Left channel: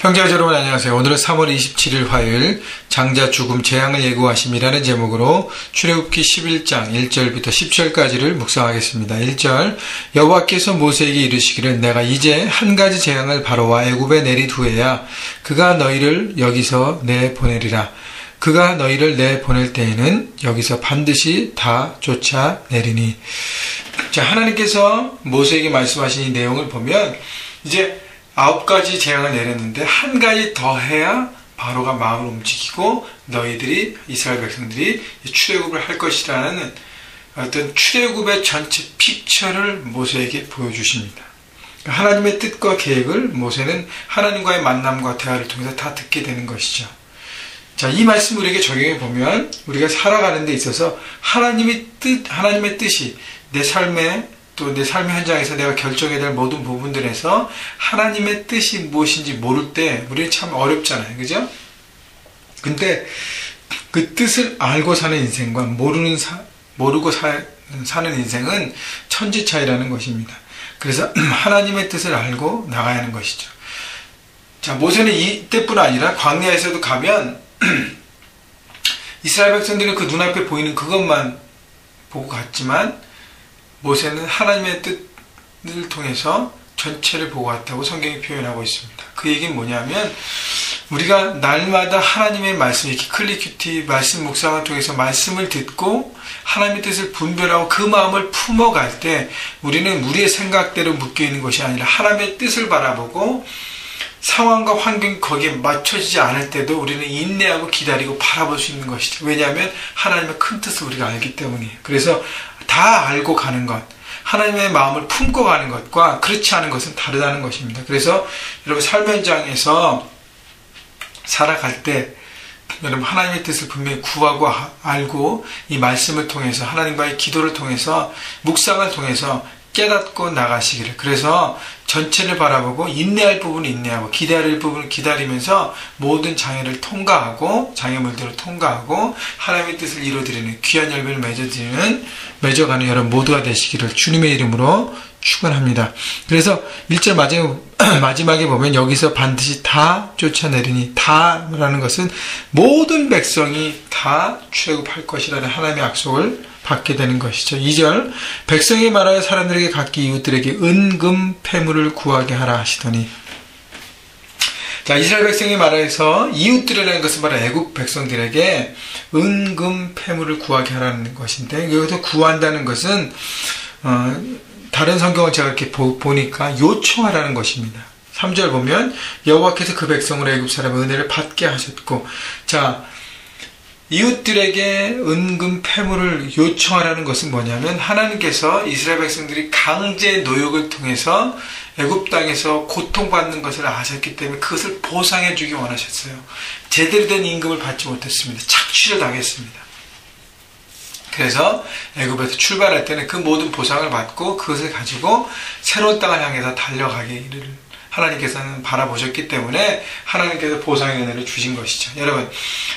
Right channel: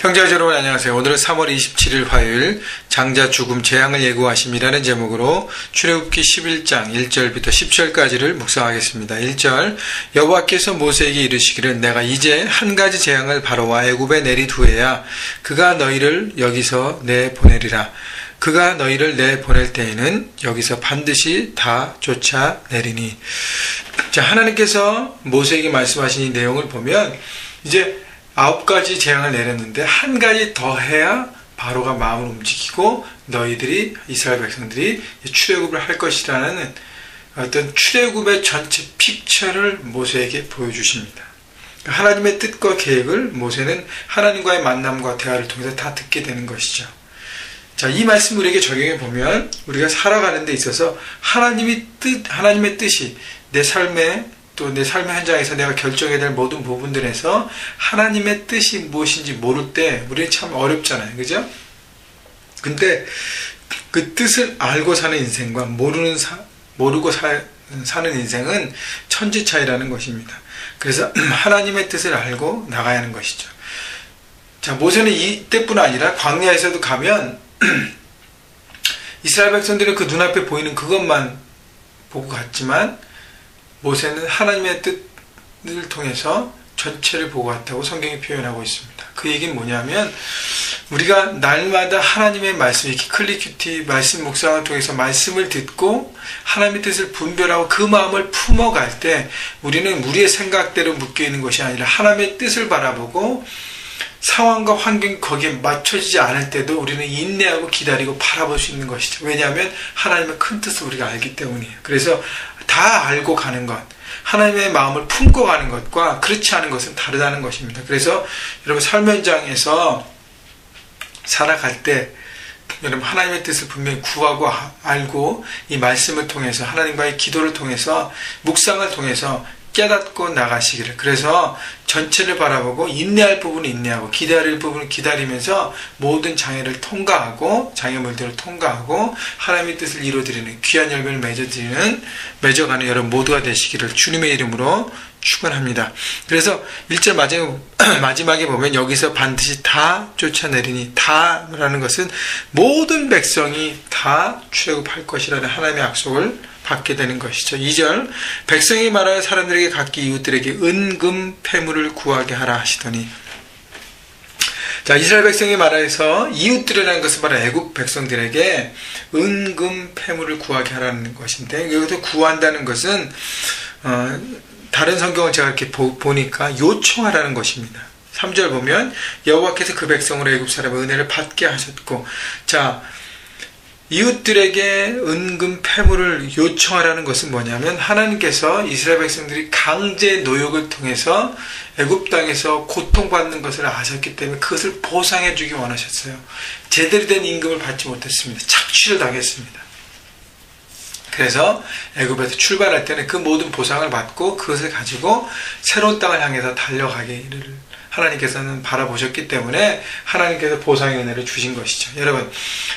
형제자 여러분 안녕하세요. 오늘은 3월 27일 화요일 장자 죽음 재앙을 예고하심이라는 제목으로 출애굽기 11장 1절부터 10절까지를 묵상하겠습니다. 1절 여호와께서 모세에게 이르시기를 내가 이제 한 가지 재앙을 바로와 애굽에 내린 후에야 그가 너희를 여기서 내보내리라. 그가 너희를 내보낼 때에는 여기서 반드시 다 쫓아내리니. 자, 하나님께서 모세에게 말씀하신 이 내용을 보면 이제 9가지 재앙을 내렸는데 한 가지 더 해야 바로가 마음을 움직이고 너희들이 이스라엘 백성들이 출애굽을 할 것이라는 어떤 출애굽의 전체 픽처를 모세에게 보여주십니다. 하나님의 뜻과 계획을 모세는 하나님과의 만남과 대화를 통해서 다 듣게 되는 것이죠. 자, 이 말씀을 우리에게 적용해 보면 우리가 살아가는 데 있어서 하나님의 뜻이 내 삶에 또 내 삶의 현장에서 내가 결정해야 될 모든 부분들에서 하나님의 뜻이 무엇인지 모를 때 우리는 참 어렵잖아요. 그죠? 근데 그 뜻을 알고 사는 인생과 모르고 사는 인생은 천지 차이라는 것입니다. 그래서 하나님의 뜻을 알고 나가야 하는 것이죠. 자, 모세는 이때뿐 아니라 광야에서도 가면 이스라엘 백성들은 그 눈앞에 보이는 그것만 보고 갔지만 모세는 하나님의 뜻을 통해서 전체를 보고 갔다고 성경이 표현하고 있습니다. 그 얘기는 뭐냐면 우리가 날마다 하나님의 말씀, 이렇게 클리큐티 말씀 묵상을 통해서 말씀을 듣고 하나님의 뜻을 분별하고 그 마음을 품어갈 때 우리는 우리의 생각대로 묶여있는 것이 아니라 하나님의 뜻을 바라보고 상황과 환경이 거기에 맞춰지지 않을 때도 우리는 인내하고 기다리고 바라볼 수 있는 것이죠. 왜냐하면 하나님의 큰 뜻을 우리가 알기 때문이에요. 그래서 다 알고 가는 것, 하나님의 마음을 품고 가는 것과 그렇지 않은 것은 다르다는 것입니다. 그래서 여러분 삶의 현장에서 살아갈 때 여러분 하나님의 뜻을 분명히 구하고 알고 이 말씀을 통해서 하나님과의 기도를 통해서 묵상을 통해서 깨닫고 나가시기를. 그래서 전체를 바라보고 인내할 부분은 인내하고 기다릴 부분은 기다리면서 모든 장애를 통과하고 장애물들을 통과하고 하나님의 뜻을 이루어드리는 귀한 열매를 맺어가는 여러분 모두가 되시기를 주님의 이름으로 축원합니다. 그래서 1절 마지막에 보면 여기서 반드시 다 쫓아내리니, 다라는 것은 모든 백성이 다 출애굽할 것이라는 하나님의 약속을 받게 되는 것이죠. 2절 백성이 말하여 사람들에게 각기 이웃들에게 은금 패물을 구하게 하라 하시더니. 자, 이스라엘 백성이 말해서 이웃들이라는 것은 바로 애굽 백성들에게 은금 패물을 구하게 하라는 것인데, 여기서 구한다는 것은 다른 성경을 제가 이렇게 보니까 요청하라는 것입니다. 3절 보면 여호와께서 그 백성으로 애굽 사람의 은혜를 받게 하셨고, 자, 이웃들에게 은금 패물을 요청하라는 것은 뭐냐면 하나님께서 이스라엘 백성들이 강제 노역을 통해서 애굽 땅에서 고통받는 것을 아셨기 때문에 그것을 보상해 주기 원하셨어요. 제대로 된 임금을 받지 못했습니다. 착취를 당했습니다. 그래서 애굽에서 출발할 때는 그 모든 보상을 받고 그것을 가지고 새로운 땅을 향해서 달려가기를 하나님께서는 바라보셨기 때문에 하나님께서 보상의 은혜를 주신 것이죠. 여러분,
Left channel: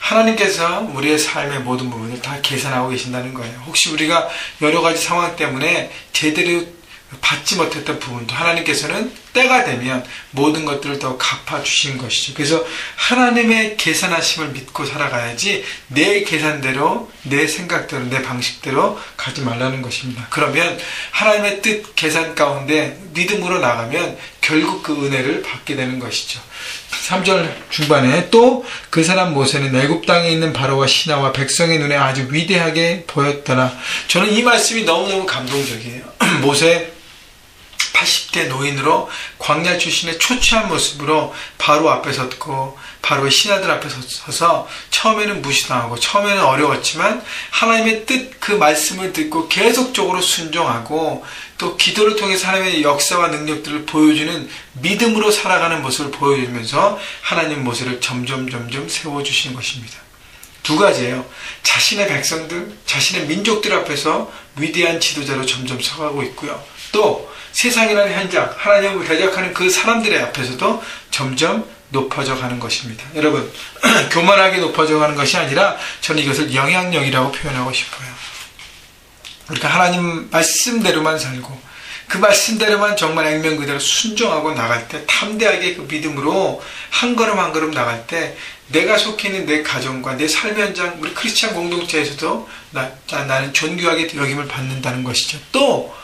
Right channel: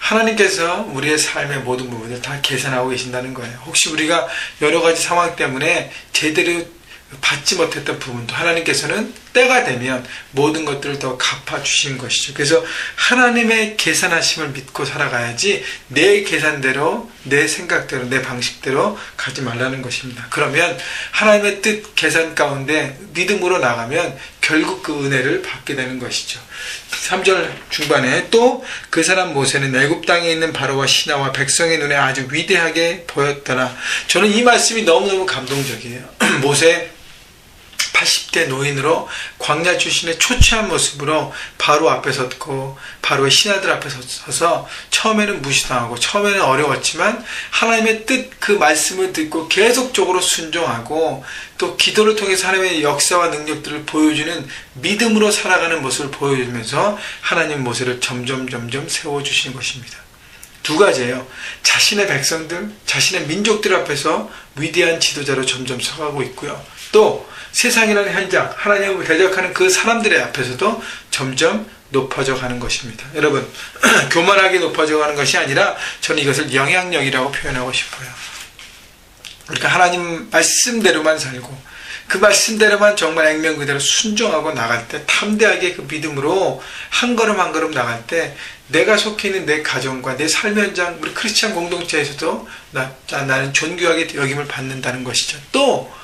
하나님께서 우리의 삶의 모든 부분을 다 계산하고 계신다는 거예요. 혹시 우리가 여러 가지 상황 때문에 제대로 받지 못했던 부분도 하나님께서는 때가 되면 모든 것들을 더 갚아주신 것이죠. 그래서 하나님의 계산하심을 믿고 살아가야지 내 계산대로, 내 생각대로, 내 방식대로 가지 말라는 것입니다. 그러면 하나님의 뜻 계산 가운데 믿음으로 나가면 결국 그 은혜를 받게 되는 것이죠. 3절 중반에 또 그 사람 모세는 애굽 땅에 있는 바로와 신하와 백성의 눈에 아주 위대하게 보였더라. 저는 이 말씀이 너무너무 감동적이에요. 모세 80대 노인으로 광야 출신의 초췌한 모습으로 바로 앞에 섰고 바로의 신하들 앞에 서서 처음에는 무시당하고 처음에는 어려웠지만 하나님의 뜻 그 말씀을 듣고 계속적으로 순종하고 또 기도를 통해서 하나님의 역사와 능력들을 보여주는 믿음으로 살아가는 모습을 보여주면서 하나님 모세를 점점 세워주시는 것입니다. 두 가지예요. 자신의 백성들, 자신의 민족들 앞에서 위대한 지도자로 점점 서가고 있고요. 또 세상이라는 현장, 하나님을 대적하는 그 사람들의 앞에서도 점점 높아져 가는 것입니다. 여러분, 교만하게 높아져 가는 것이 아니라 저는 이것을 영향력이라고 표현하고 싶어요. 그러니까 하나님 말씀대로만 살고 그 말씀대로만 정말 액면 그대로 순종하고 나갈 때, 탐대하게 그 믿음으로 한 걸음 한 걸음 나갈 때, 내가 속해 있는 내 가정과 내 삶의 현장, 우리 크리스찬 공동체에서도 나는 존귀하게 여김을 받는다는 것이죠. 또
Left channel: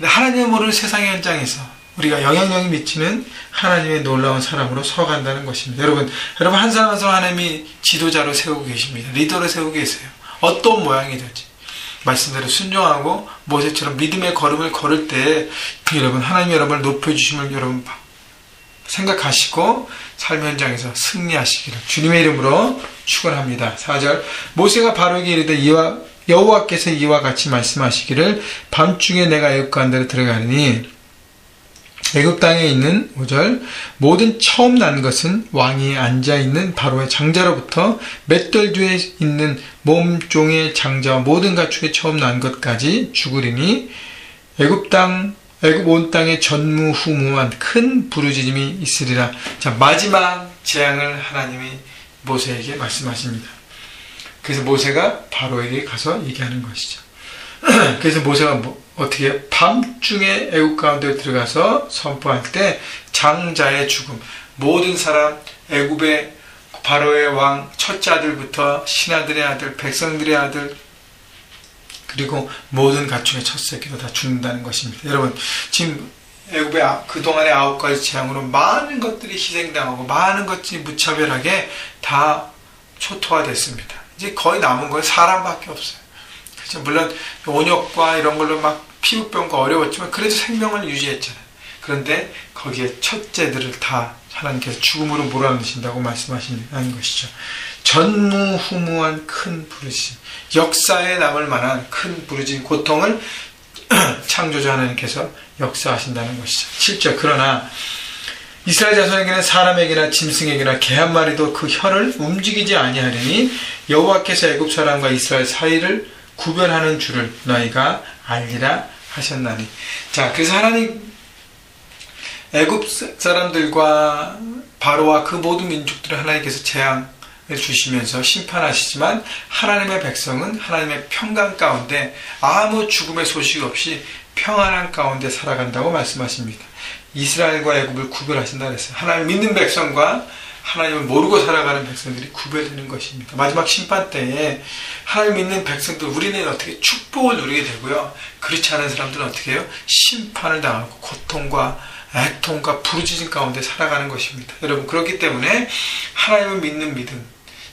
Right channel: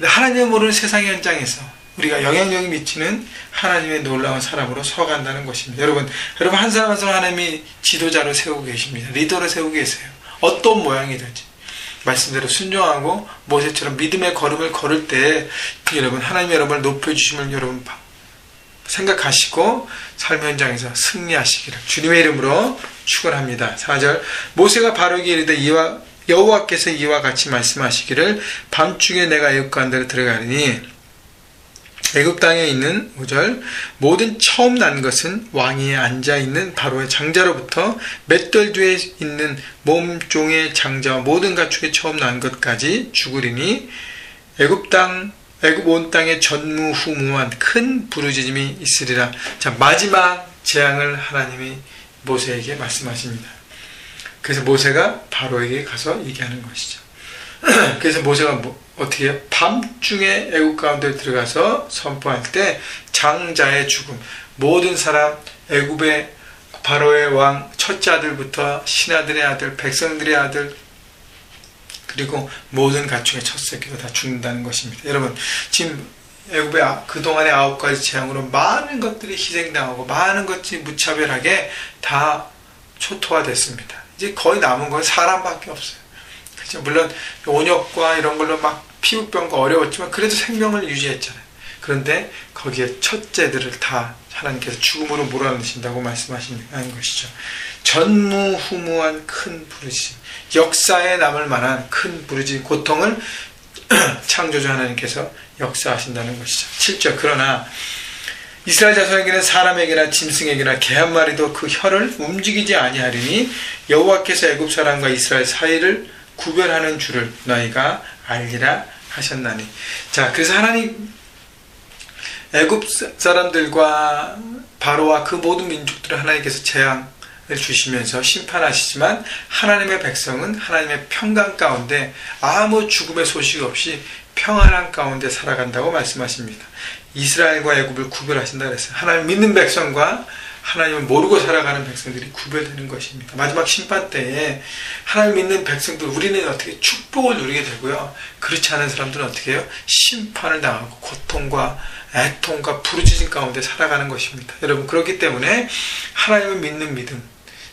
하나님을 모르는 세상의 현장에서 우리가 영향력이 미치는 하나님의 놀라운 사람으로 서간다는 것입니다. 여러분 한 사람 한 사람 하나님이 지도자로 세우고 계십니다. 리더로 세우고 계세요. 어떤 모양이 될지 말씀대로 순종하고 모세처럼 믿음의 걸음을 걸을 때 여러분 하나님이 여러분을 높여주심을 여러분 생각하시고 삶의 현장에서 승리하시기를 주님의 이름으로 축원합니다. 4절 모세가 바로에게 이르되 여호와께서 이와 같이 말씀하시기를 밤중에 내가 애굽 가운데로 들어가리니 애굽 땅에 있는 5절 모든 처음 난 것은 왕위에 앉아있는 바로의 장자로부터 맷돌 뒤에 있는 몸종의 장자와 모든 가축의 처음 난 것까지 죽으리니 애굽 온 땅에 전무후무한 큰 부르짖음이 있으리라. 자, 마지막 재앙을 하나님이 모세에게 말씀하십니다. 그래서 모세가 바로에게 가서 얘기하는 것이죠. 그래서 모세가 어떻게 밤중에 애굽 가운데 들어가서 선포할 때 장자의 죽음, 모든 사람 애굽의 바로의 왕 첫째 아들부터 신하들의 아들, 백성들의 아들 그리고 모든 가축의 첫 새끼도 다 죽는다는 것입니다. 여러분 지금 애굽의 그동안의 9가지 재앙으로 많은 것들이 희생당하고 많은 것들이 무차별하게 다 초토화됐습니다. 이제 거의 남은 건 사람밖에 없어요. 그렇죠? 물론 온역과 이런 걸로 막 피부병과 어려웠지만 그래도 생명을 유지했잖아요. 그런데 거기에 첫째들을 다 하나님께서 죽음으로 몰아넣으신다고 말씀하시는 것이죠. 전무후무한 큰 부르짖음, 역사에 남을 만한 큰 부르짖음, 고통을 창조주 하나님께서 역사하신다는 것이죠. 7절 그러나 이스라엘 자손에게는 사람에게나 짐승에게나 개 한 마리도 그 혀를 움직이지 아니하리니 여호와께서 애굽 사람과 이스라엘 사이를 구별하는 줄을 너희가 알리라 하셨나니. 자, 그래서 하나님 애굽 사람들과 바로와 그 모든 민족들을 하나님께서 재앙을 주시면서 심판하시지만 하나님의 백성은 하나님의 평강 가운데 아무 죽음의 소식 없이 평안한 가운데 살아간다고 말씀하십니다. 이스라엘과 애굽을 구별하신다 그랬어요. 하나님 믿는 백성과 하나님을 모르고 살아가는 백성들이 구별되는 것입니다. 마지막 심판 때에 하나님 믿는 백성들 우리는 어떻게 축복을 누리게 되고요. 그렇지 않은 사람들은 어떻게 해요? 심판을 당하고 고통과 애통과 부르짖음 가운데 살아가는 것입니다. 여러분 그렇기 때문에 하나님을 믿는 믿음,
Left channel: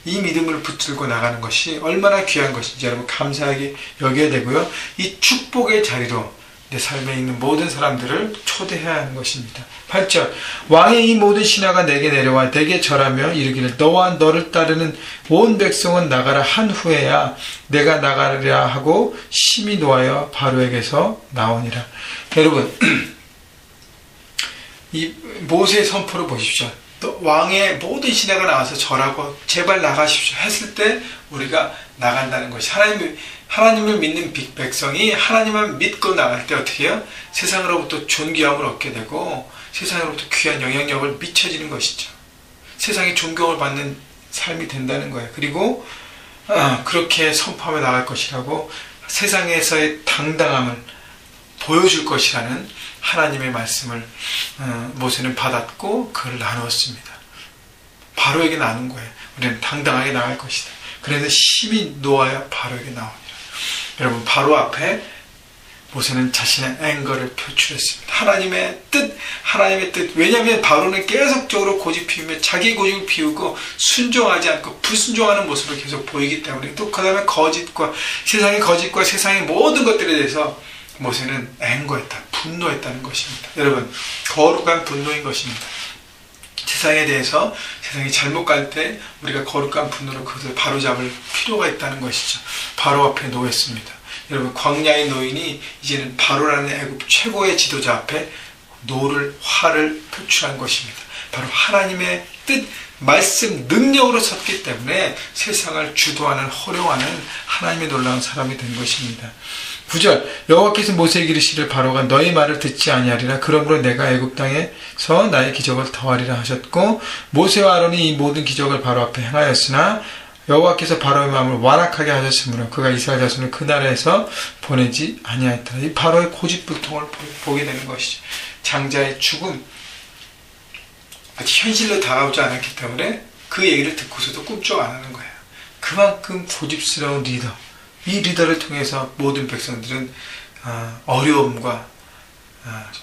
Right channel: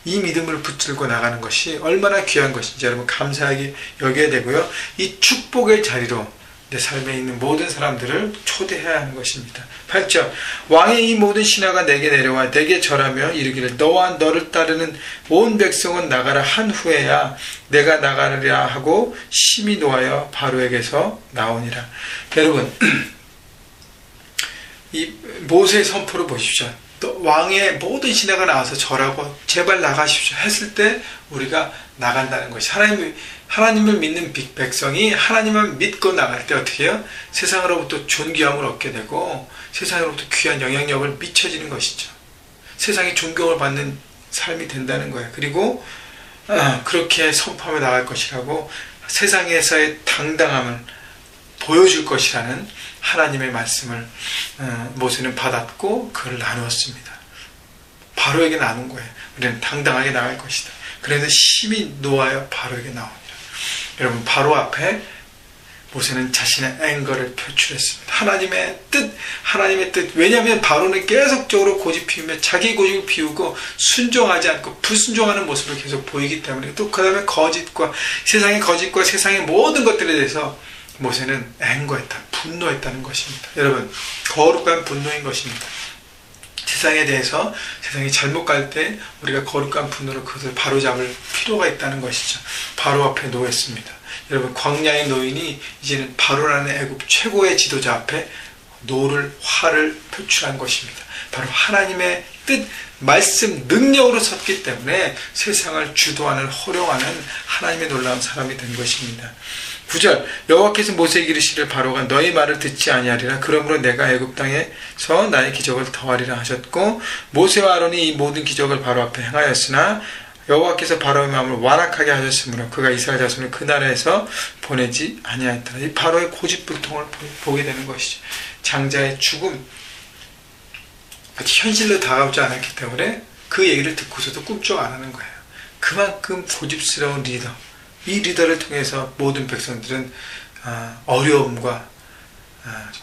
이 믿음을 붙들고 나가는 것이 얼마나 귀한 것인지 여러분 감사하게 여겨야 되고요. 이 축복의 자리로 내 삶에 있는 모든 사람들을 초대해야 하는 것입니다. 8절 왕의 이 모든 신하가 내게 내려와 내게 절하며 이르기를 너와 너를 따르는 온 백성은 나가라 한 후에야 내가 나가리라 하고 심히 노하여 바로에게서 나오니라. 여러분 이 모세의 선포를 보십시오. 또 왕의 모든 신하가 나와서 절하고 제발 나가십시오 했을 때 우리가 나간다는 것이 하나님을 믿는 백성이 하나님만 믿고 나갈 때 어떻게 해요? 세상으로부터 존귀함을 얻게 되고 세상으로부터 귀한 영향력을 미쳐지는 것이죠. 세상에 존경을 받는 삶이 된다는 거예요. 그리고 그렇게 선포하며 나갈 것이라고 세상에서의 당당함을 보여줄 것이라는 하나님의 말씀을 모세는 받았고 그걸 나누었습니다. 바로에게 나눈 거예요. 우리는 당당하게 나갈 것이다. 그래서 심히 노하여 바로에게 나오니라. 여러분 바로 앞에 모세는 자신의 앵거를 표출했습니다. 하나님의 뜻. 왜냐하면 바로는 계속적으로 고집 피우며 자기 고집을 피우고 순종하지 않고 불순종하는 모습을 계속 보이기 때문에 또 그 다음에 세상의 거짓과 세상의 모든 것들에 대해서 모세는 앵거했다, 분노했다는 것입니다. 여러분 거룩한 분노인 것입니다. 세상에 대해서 세상이 잘못 갈 때 우리가 거룩한 분노로 그것을 바로잡을 필요가 있다는 것이죠. 바로 앞에 놓였습니다. 여러분 광야의 노인이 이제는 바로라는 애굽 최고의 지도자 앞에 화를 표출한 것입니다. 바로 하나님의 뜻, 말씀, 능력으로 섰기 때문에 세상을 주도하는 호령하는 하나님의 놀라운 사람이 된 것입니다. 9절 여호와께서 모세에게 이르시기를 바로가 너희 말을 듣지 아니하리라. 그러므로 내가 애굽 땅에서 나의 기적을 더하리라 하셨고 모세와 아론이 이 모든 기적을 바로 앞에 행하였으나 여호와께서 바로의 마음을 완악하게 하셨으므로 그가 이스라엘 자손을 그 나라에서 보내지 아니하였더라. 이 바로의 고집불통을 보게 되는 것이죠. 장자의 죽음, 아직 현실로 다가오지 않았기 때문에 그 얘기를 듣고서도 꿈쩍 안 하는 거예요. 그만큼 고집스러운 리더, 이 리더를 통해서 모든 백성들은 어려움과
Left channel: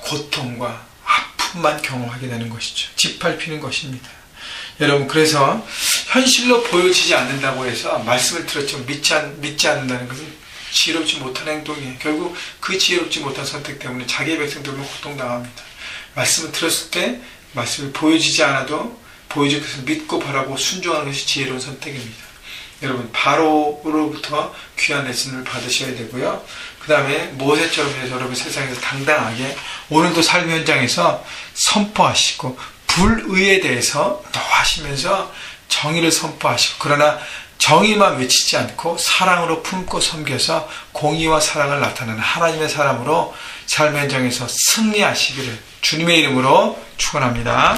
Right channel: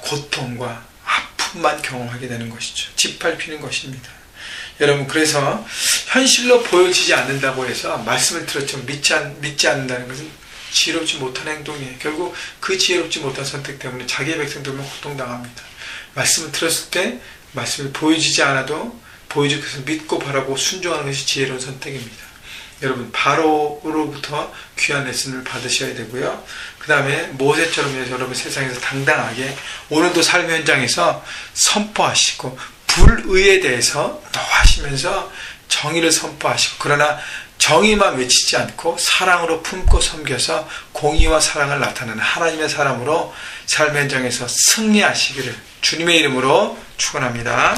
고통과 아픔만 경험하게 되는 것이죠. 짓밟히는 것입니다. 여러분, 그래서 현실로 보여지지 않는다고 해서 말씀을 들었지만 믿지 않는다는 것은 지혜롭지 못한 행동이에요. 결국 그 지혜롭지 못한 선택 때문에 자기의 백성들은 고통당합니다. 말씀을 들었을 때 말씀이 보여지지 않아도 보여줄 것을 믿고 바라보고 순종하는 것이 지혜로운 선택입니다. 여러분, 바로로부터 귀한 레슨을 받으셔야 되고요. 그 다음에 모세처럼 해서 여러분 세상에서 당당하게 오늘도 삶의 현장에서 선포하시고 불의에 대해서 노하시면서 정의를 선포하시고, 그러나 정의만 외치지 않고 사랑으로 품고 섬겨서 공의와 사랑을 나타내는 하나님의 사람으로 삶의 현장에서 승리하시기를 주님의 이름으로 축원합니다.